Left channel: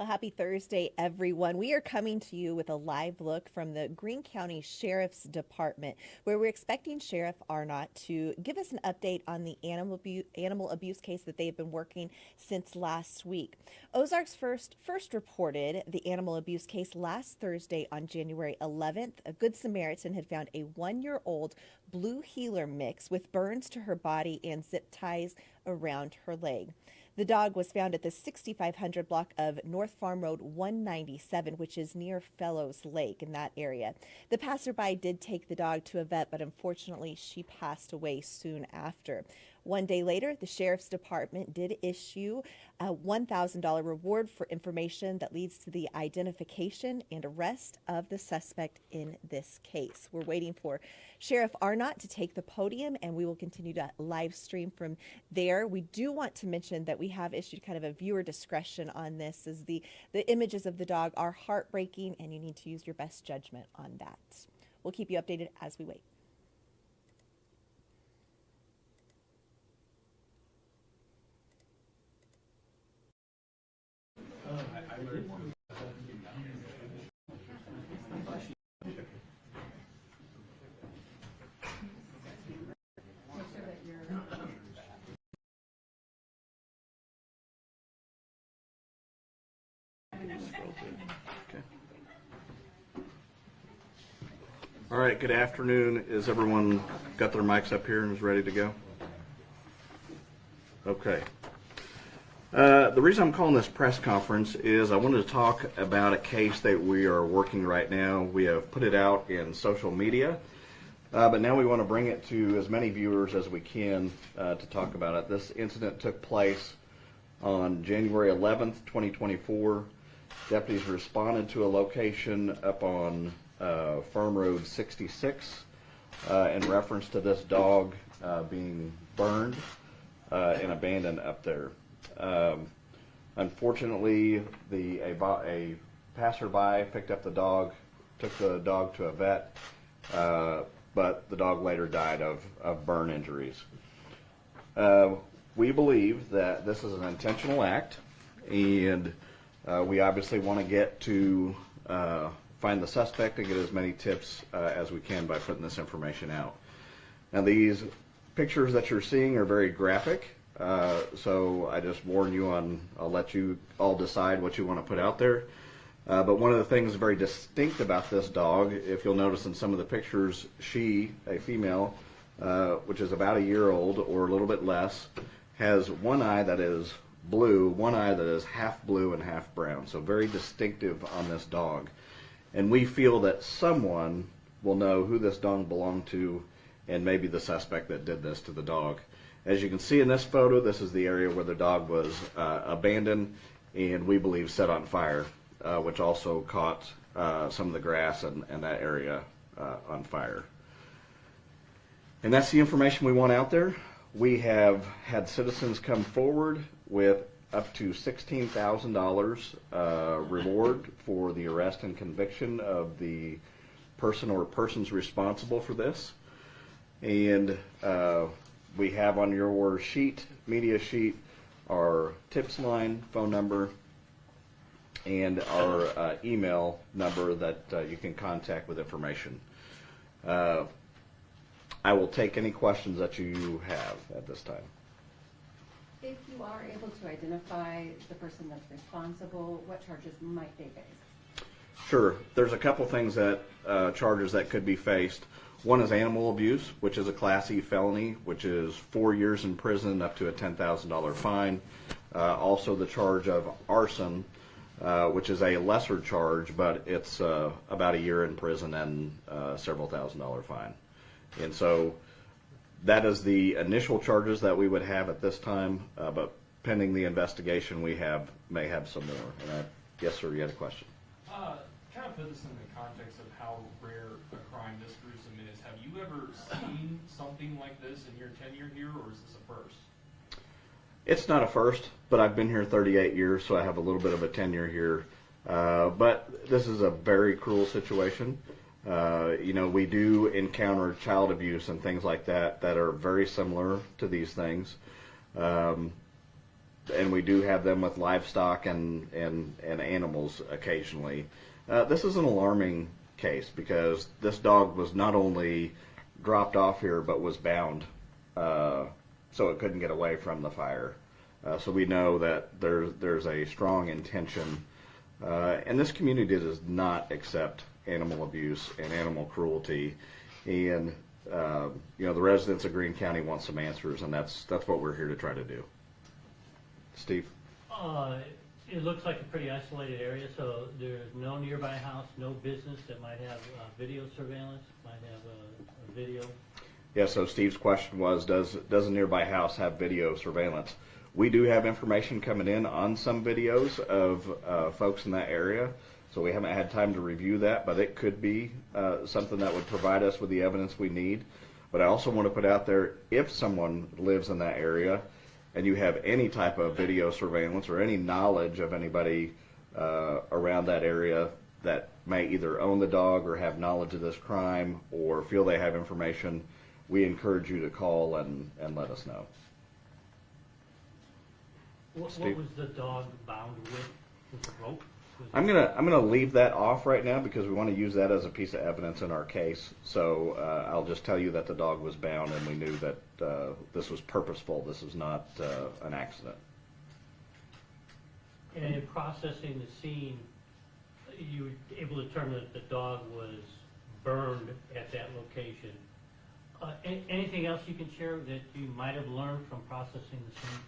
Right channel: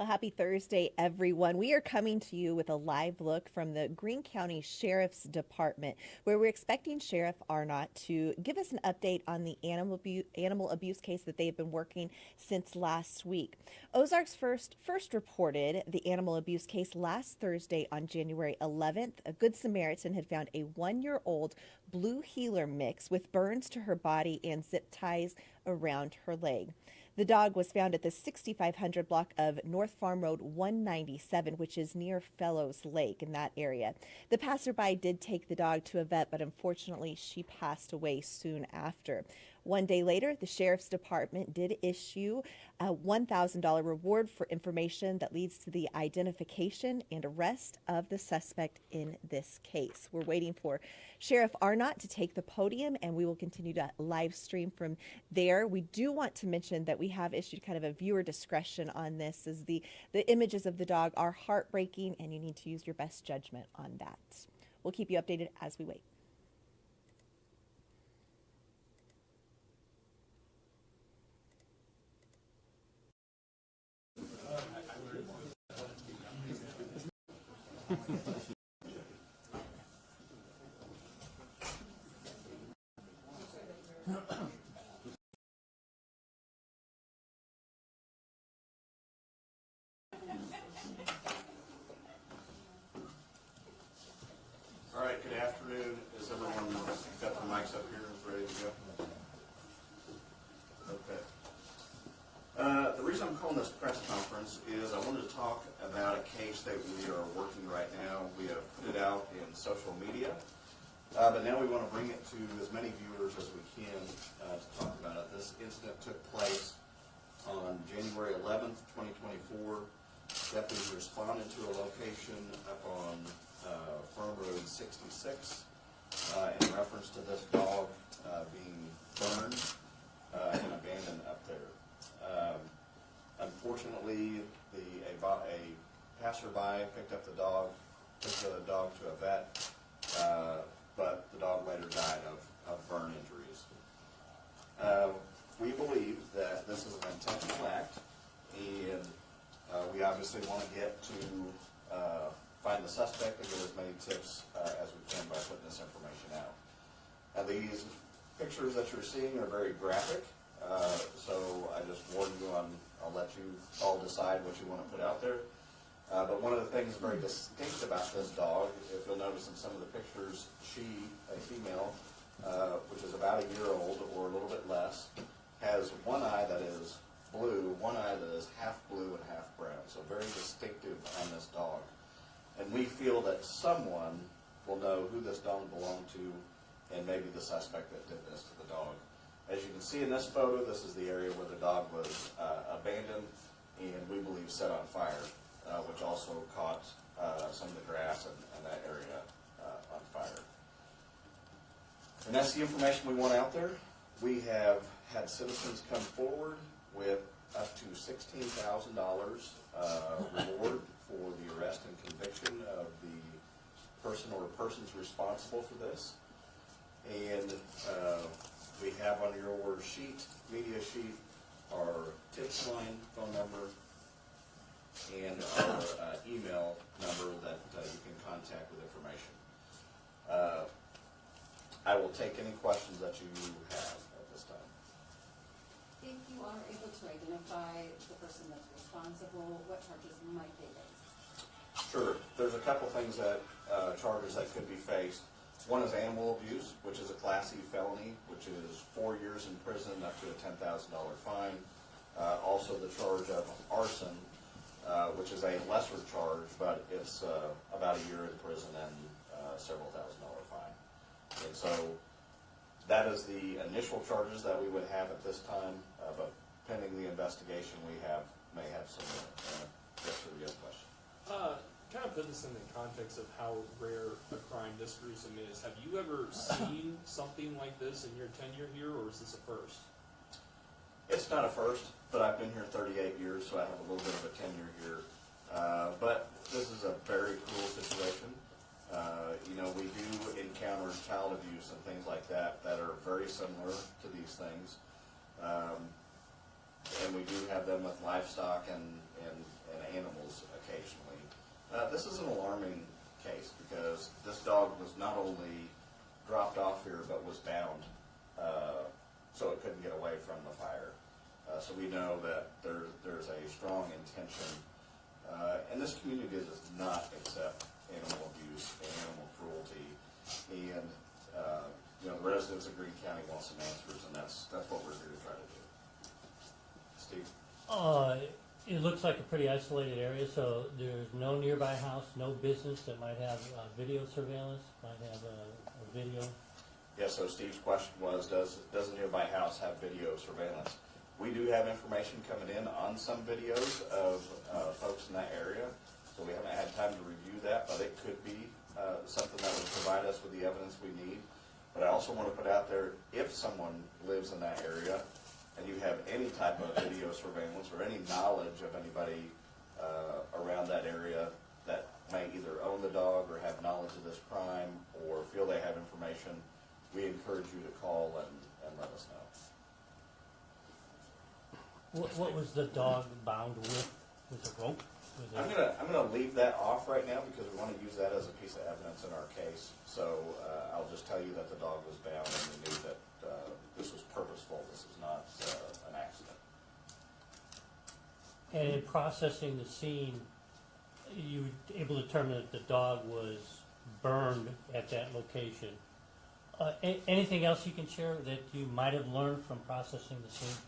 Well, happy Thursday, everyone. We are coming to you with a live look from the Greene County Sheriff's Department, where we're expecting Sheriff Arnott to give us an update on the animal abuse case that they've been working since last week. Ozarks first reported the animal abuse case last Thursday on January 11th. A Good Samaritan had found a 1-year-old blue heeler mix with burns to her body and zip ties around her leg. The dog was found at the 6500 block of North Farm Road 197, which is near Fellows Lake in that area. The passerby did take the dog to a vet, but unfortunately she passed away soon after. One day later, the Sheriff's Department did issue a $1,000 reward for information that leads to the identification and arrest of the suspect in this case. We're waiting for Sheriff Arnott to take the podium, and we will continue to live stream from there. We do want to mention that we have issued kind of a viewer discretion on this, as the images of the dog are heartbreaking, and you need to use your best judgment on that. We'll keep you updated as we wait. All right, good afternoon. Is everyone got their mics up here and is ready to go? Okay. The reason I'm calling this press conference is I wanted to talk about a case that we are working right now. We have put it out in social media, but now we want to bring it to as many viewers as we can to talk about it. This incident took place on January 11th, 2024. Deputies responded to a location up on Farm Road 66 in reference to this dog being burned and abandoned up there. Unfortunately, a passerby picked up the dog, took the dog to a vet, but the dog later died of burn injuries. We believe that this is an intentional act, and we obviously want to get to find the suspect and get as many tips as we can by putting this information out. Now, these pictures that you're seeing are very graphic, so I just warn you I'll let you all decide what you want to put out there. But one of the things very distinct about this dog, if you'll notice in some of the pictures, a female, which is about a year old or a little bit less, has one eye that is blue, one eye that is half blue and half brown, so very distinctive on this dog. And we feel that someone will know who this dog belonged to and maybe the suspect that did this to the dog. As you can see in this photo, this is the area where the dog was abandoned and we believe set on fire, which also caught some of the grass and that area on fire. And that's the information we want out there. We have had citizens come forward with up to $16,000 reward for the arrest and conviction of the person or persons responsible for this. And we have on your media sheet, our tips line, phone number, and our email number that you can contact with information. I will take any questions that you have at this time. If you are able to identify the person that's responsible, what charges might they face? Sure. There's a couple things charges that could be faced. One is animal abuse, which is a Class E felony, which is 4 years in prison up to a $10,000 fine. Also the charge of arson, which is a lesser charge, but it's about a year in prison and several $1,000s fine. And so that is the initial charges that we would have at this time, but pending the investigation, we may have some more. Yes, sir, you had a question. Kind of put this in the context of how rare a crime this gruesome is. Have you ever seen something like this in your tenure here, or is this a first? It's not a first, but I've been here 38 years, so I have a little bit of a tenure here. But this is a very cruel situation. We do encounter child abuse and things like that are very similar to these things. and we do have them with livestock and animals occasionally. This is an alarming case because this dog was not only dropped off here but was bound, so it couldn't get away from the fire. So we know that there's a strong intention, and this community does not accept animal abuse and animal cruelty, and the residents of Greene County want some answers, and that's what we're here to try to do. Steve? It looks like a pretty isolated area, so there's no nearby house, no business that might have video surveillance, might have a video. Yeah, so Steve's question was, does a nearby house have video surveillance? We do have information coming in on some videos of folks in that area, so we haven't had time to review that, but it could be something that would provide us with the evidence we need. But I also want to put out there, if someone lives in that area and you have any type of video surveillance or any knowledge of anybody around that area that may either own the dog or have knowledge of this crime or feel they have information, we encourage you to call and let us know. What Steve? was the dog bound with? Was it rope? I'm gonna leave that off right now because we want to use that as a piece of evidence in our case. So I'll just tell you that the dog was bound and we knew that this was purposeful. This is not an accident. And in processing the scene, you were able to determine that the dog was burned at that location. Anything else you can share that you might have learned from processing the scene?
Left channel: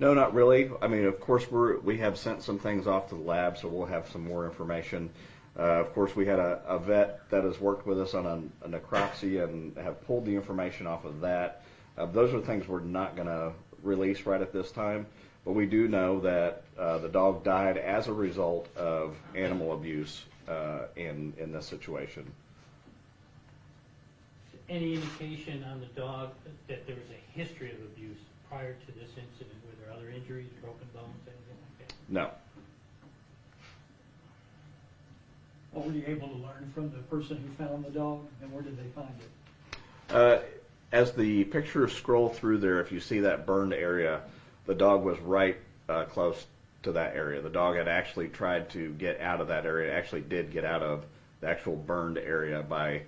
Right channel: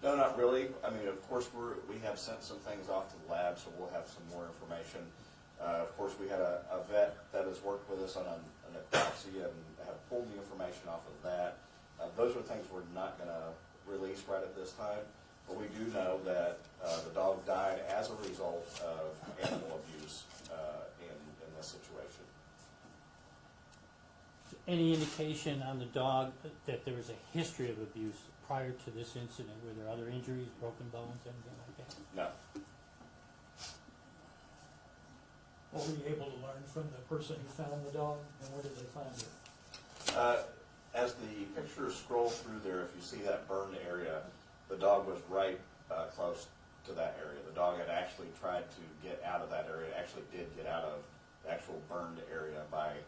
No, not really. I mean, of course, we have sent some things off to the lab, so we'll have some more information. Of course, we had a vet that has worked with us on a necropsy and have pulled the information off of that. Those are things we're not going to release right at this time, but we do know that the dog died as a result of animal abuse in this situation. Any indication on the dog that there was a history of abuse prior to this incident? Were there other injuries, broken bones, anything like that? No. What were you able to learn from the person who found the dog, and where did they find it? As the pictures scroll through there, if you see that burned area, the dog was right close to that area. The dog had actually tried to get out of that area, actually did get out of the actual burned area by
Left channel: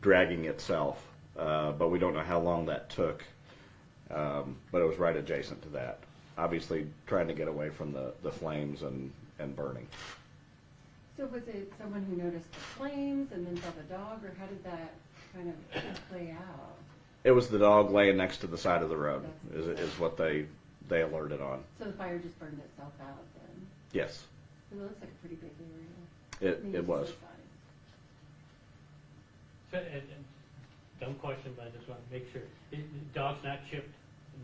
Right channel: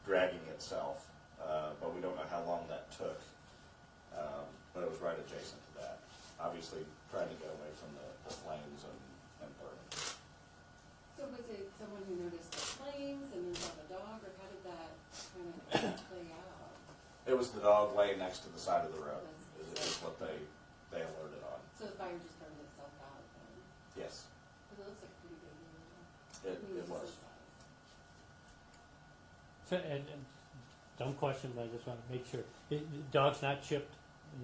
dragging itself, but we don't know how long that took. But it was right adjacent to that. Obviously trying to get away from the flames and burning. So was it someone who noticed the flames and then saw the dog, or how did that kind of play out? It was the dog laying next to the side of the road is what they alerted on. So the fire just burned itself out then? Yes, Because it looks like a pretty big area. I mean, it it's was. this size. So, and dumb question, but I just want to make sure. The dog's not chipped,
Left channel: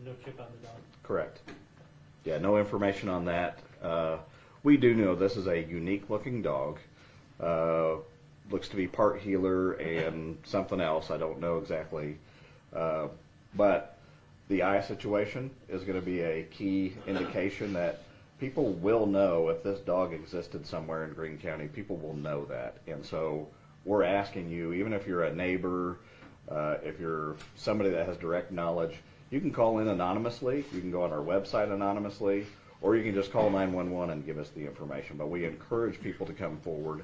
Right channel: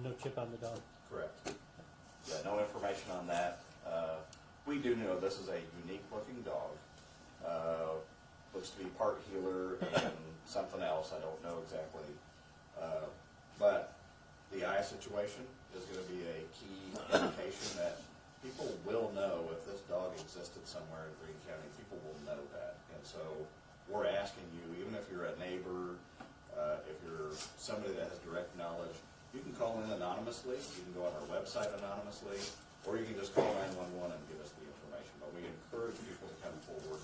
no chip on the dog. Correct. Yeah, no information on that. We do know this is a unique looking dog. Looks to be part healer and something else. I don't know exactly. But the eye situation is going to be a key indication that people will know if this dog existed somewhere in Greene County. People will know that. And so we're asking you, even if you're a neighbor, if you're somebody that has direct knowledge, you can call in anonymously. You can go on our website anonymously, or you can just call 911 and give us the information. But we encourage people to come forward.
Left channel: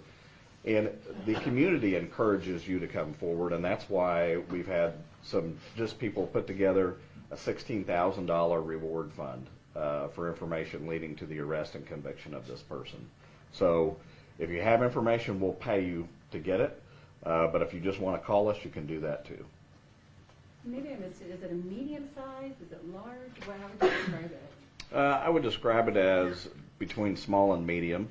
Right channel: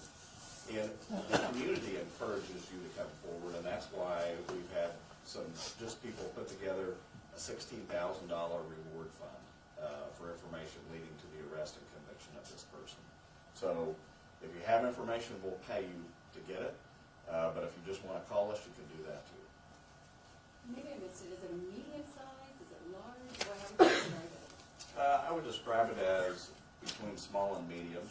And the community encourages you to come forward, and that's why we've had some just people put together a $16,000 reward fund for information leading to the arrest and conviction of this person. So if you have information, we'll pay you to get it. But if you just want to call us, you can do that too. Maybe I missed it. Is it a medium size? Is it large? How would you describe it? I would describe it as between small and medium.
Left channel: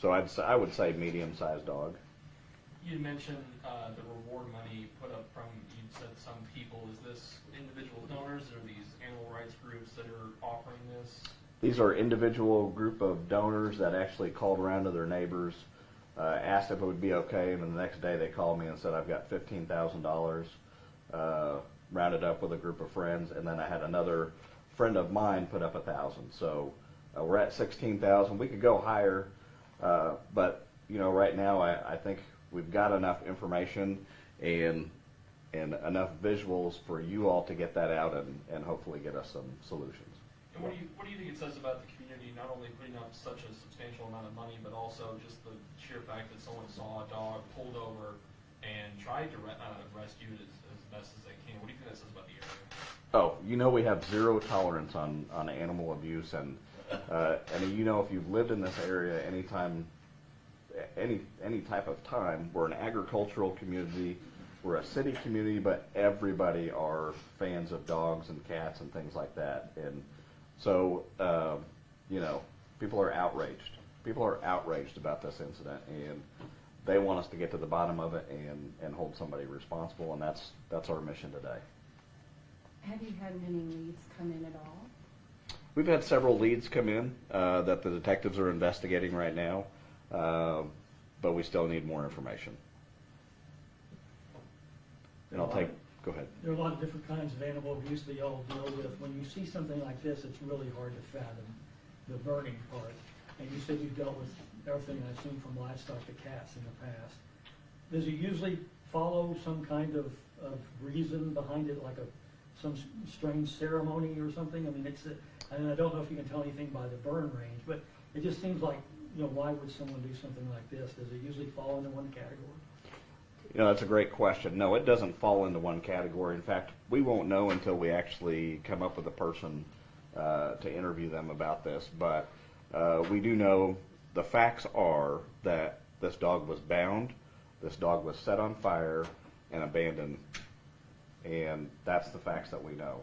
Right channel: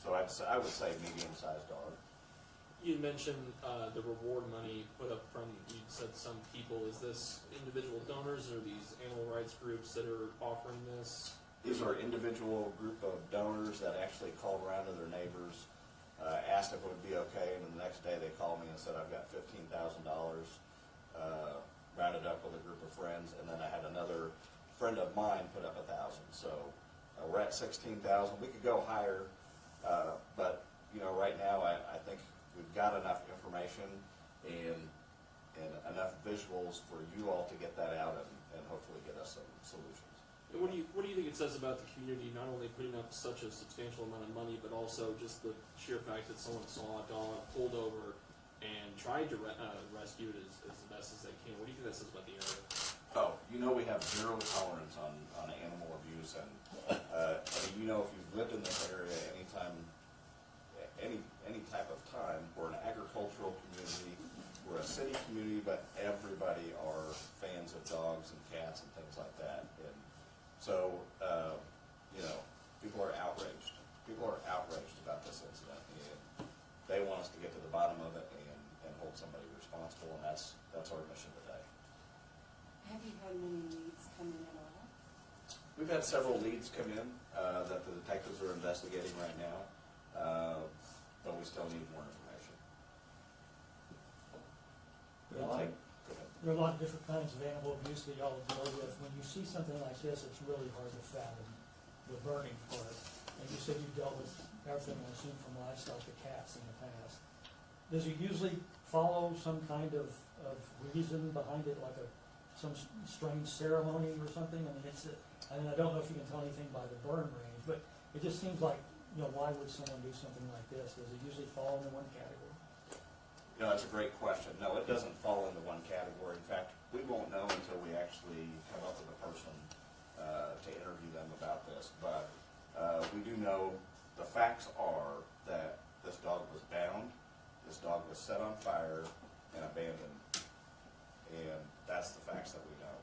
So I would say medium-sized dog. You mentioned the reward money put up from, you said some people. Is this individual donors or these animal rights groups that are offering this? These are individual group of donors that actually called around to their neighbors, asked if it would be okay, and then the next day they called me and said, I've got $15,000 rounded up with a group of friends, and then I had another friend of mine put up $1,000. So we're at $16,000. We could go higher, but right now I think we've got enough information and enough visuals for you all to get that out and hopefully get us some solutions. And what do you think it says about the community, not only putting up such a substantial amount of money, but also just the sheer fact that someone saw a dog pulled over and tried to rescue it as best as they can? What do you think that says about the area? Oh, we have zero tolerance on animal abuse, and if you've lived in this area anytime, any type of time, we're an agricultural community, we're a city community, but everybody are fans of dogs and cats and things like that, and so people are outraged. People are outraged about this incident, and they want us to get to the bottom of it and hold somebody responsible, and that's our mission today. Have you had many leads come in at all? We've had several leads come in that the detectives are investigating right now, but we still need more information. And go ahead. There are a lot of different kinds of animal abuse that y'all deal with. When you see something like this, it's really hard to fathom the burning part. And you said you dealt with everything, I assume, from livestock to cats in the past. Does it usually follow some kind of reason behind it, like some strange ceremony or something? I mean, and I don't know if you can tell anything by the burn range, but it just seems like, why would someone do something like this? Does it usually fall into one category? That's a great question. No, it doesn't fall into one category. In fact, we won't know until we actually come up with a person to interview them about this. But we do know the facts are that this dog was bound, this dog was set on fire and abandoned, and that's the facts that we know.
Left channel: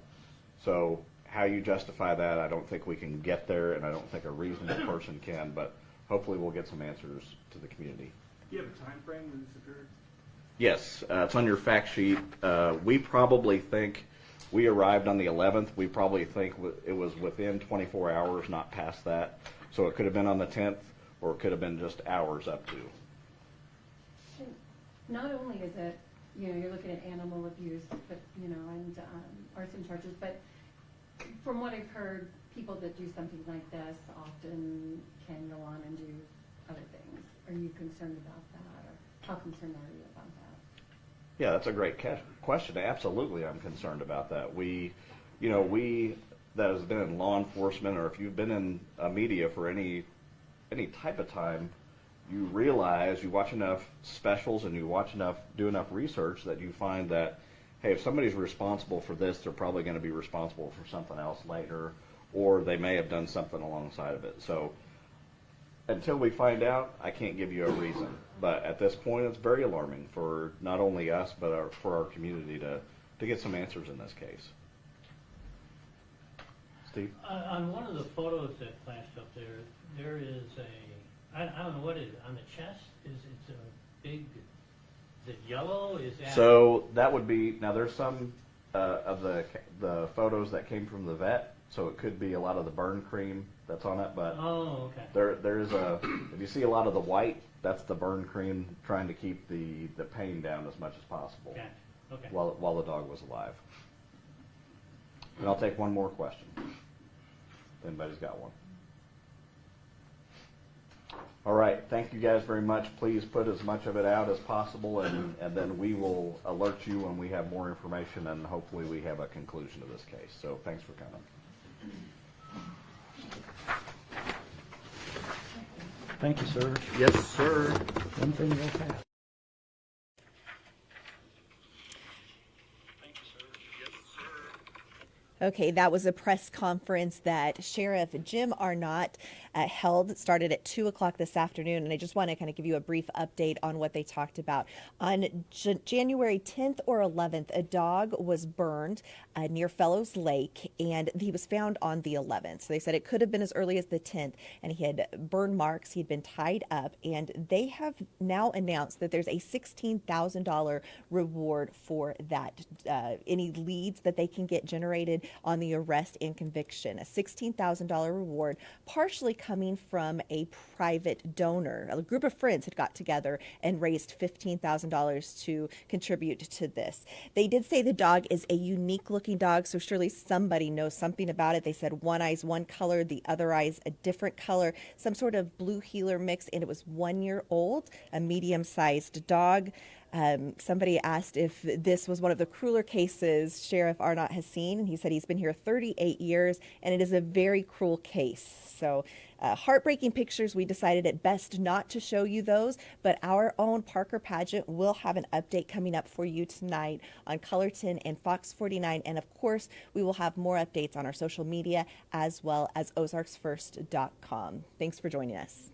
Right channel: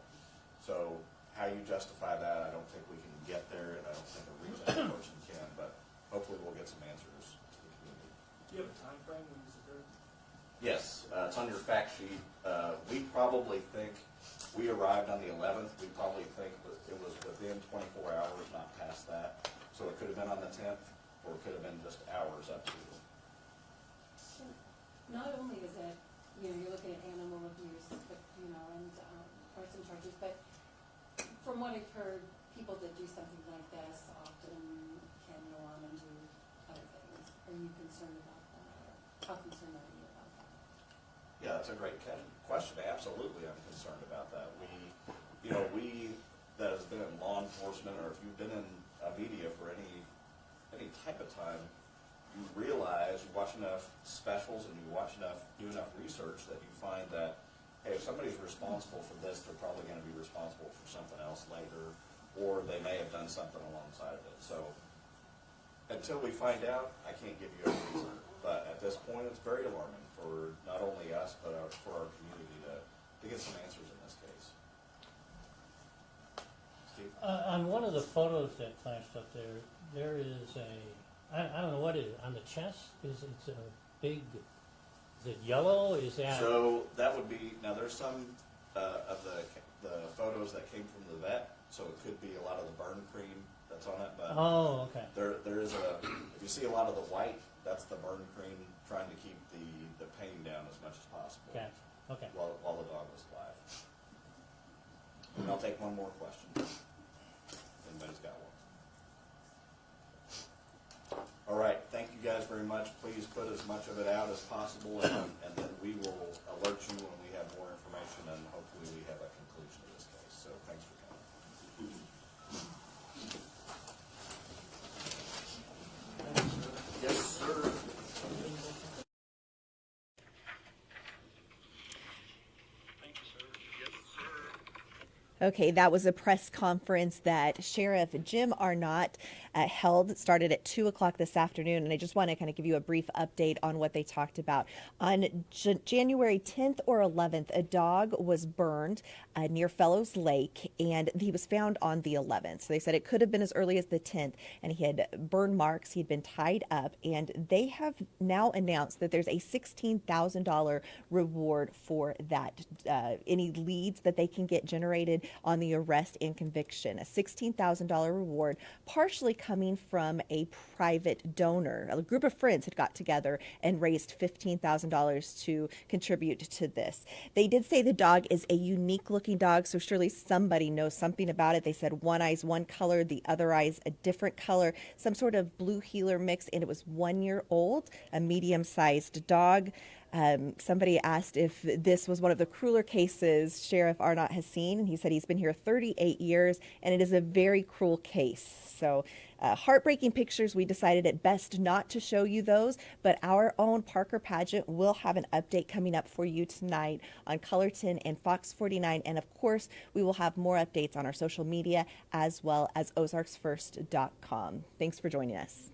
So how you justify that, I don't think we can get there, and I don't think a reasonable person can, but hopefully we'll get some answers to the community. Do you have a time frame when this occurred? Yes, it's on your fact sheet. We probably think we arrived on the 11th. We probably think it was within 24 hours, not past that. So it could have been on the 10th, or it could have been just hours up to. And not only is it, you're looking at animal abuse, but, and arson charges, but from what I've heard, people that do something like this often can go on and do other things. Are you concerned about that, or how concerned are you about that? Yeah, that's a great question. Absolutely, I'm concerned about that. We that has been in law enforcement, or if you've been in media for any type of time, you realize, you watch enough specials and you do enough research that you find that, hey, if somebody's responsible for this, they're probably going to be responsible for something else later, or they may have done something alongside of it. So until we find out, I can't give you a reason. But at this point, it's very alarming for not only us, but for our community to get some answers in this case. Steve? On one of the photos that flashed up there is I don't know what it is, on the chest, it's a big, is it yellow, is that? So that would be, now there's some of the photos that came from the vet, so it could be a lot of the burn cream that's on it, but Oh, okay. there is if you see a lot of the white, that's the burn cream trying to keep the pain down as much as possible. Gotcha. Okay. While the dog was alive. And I'll take one more question. Anybody's got one? All right, thank you guys very much. Please put as much of it out as possible, and then we will alert you when we have more information, and hopefully we have a conclusion to this case. So thanks for coming. Thank you, sir. Yes, sir. One thing real fast. Okay, that was a press conference that Sheriff Jim Arnott held. It started at 2 o'clock this afternoon, and I just want to kind of give you a brief update on what they talked about. On January 10th or 11th, a dog was burned near Fellows Lake, and he was found on the 11th. So they said it could have been as early as the 10th, and he had burn marks. He'd been tied up, and they have now announced that there's a $16,000 reward for that. Any leads that they can get generated on the arrest and conviction. A $16,000 reward, partially coming from a private donor. A group of friends had got together and raised $15,000 to contribute to this. They did say the dog is a unique looking dog, so surely somebody knows something about it. They said one eye's one color, the other eye's a different color, some sort of blue heeler mix, and it was 1 year old, a medium-sized dog. Somebody asked if this was one of the crueler cases Sheriff Arnott has seen, and he said he's been here 38 years, and it is a very cruel case. So heartbreaking pictures, we decided it best not to show you those, but our own Parker Pageant will have an update coming up for you tonight on Colorton and Fox 49, and of course, we will have more updates on our social media as well as ozarksfirst.com. Thanks for joining us.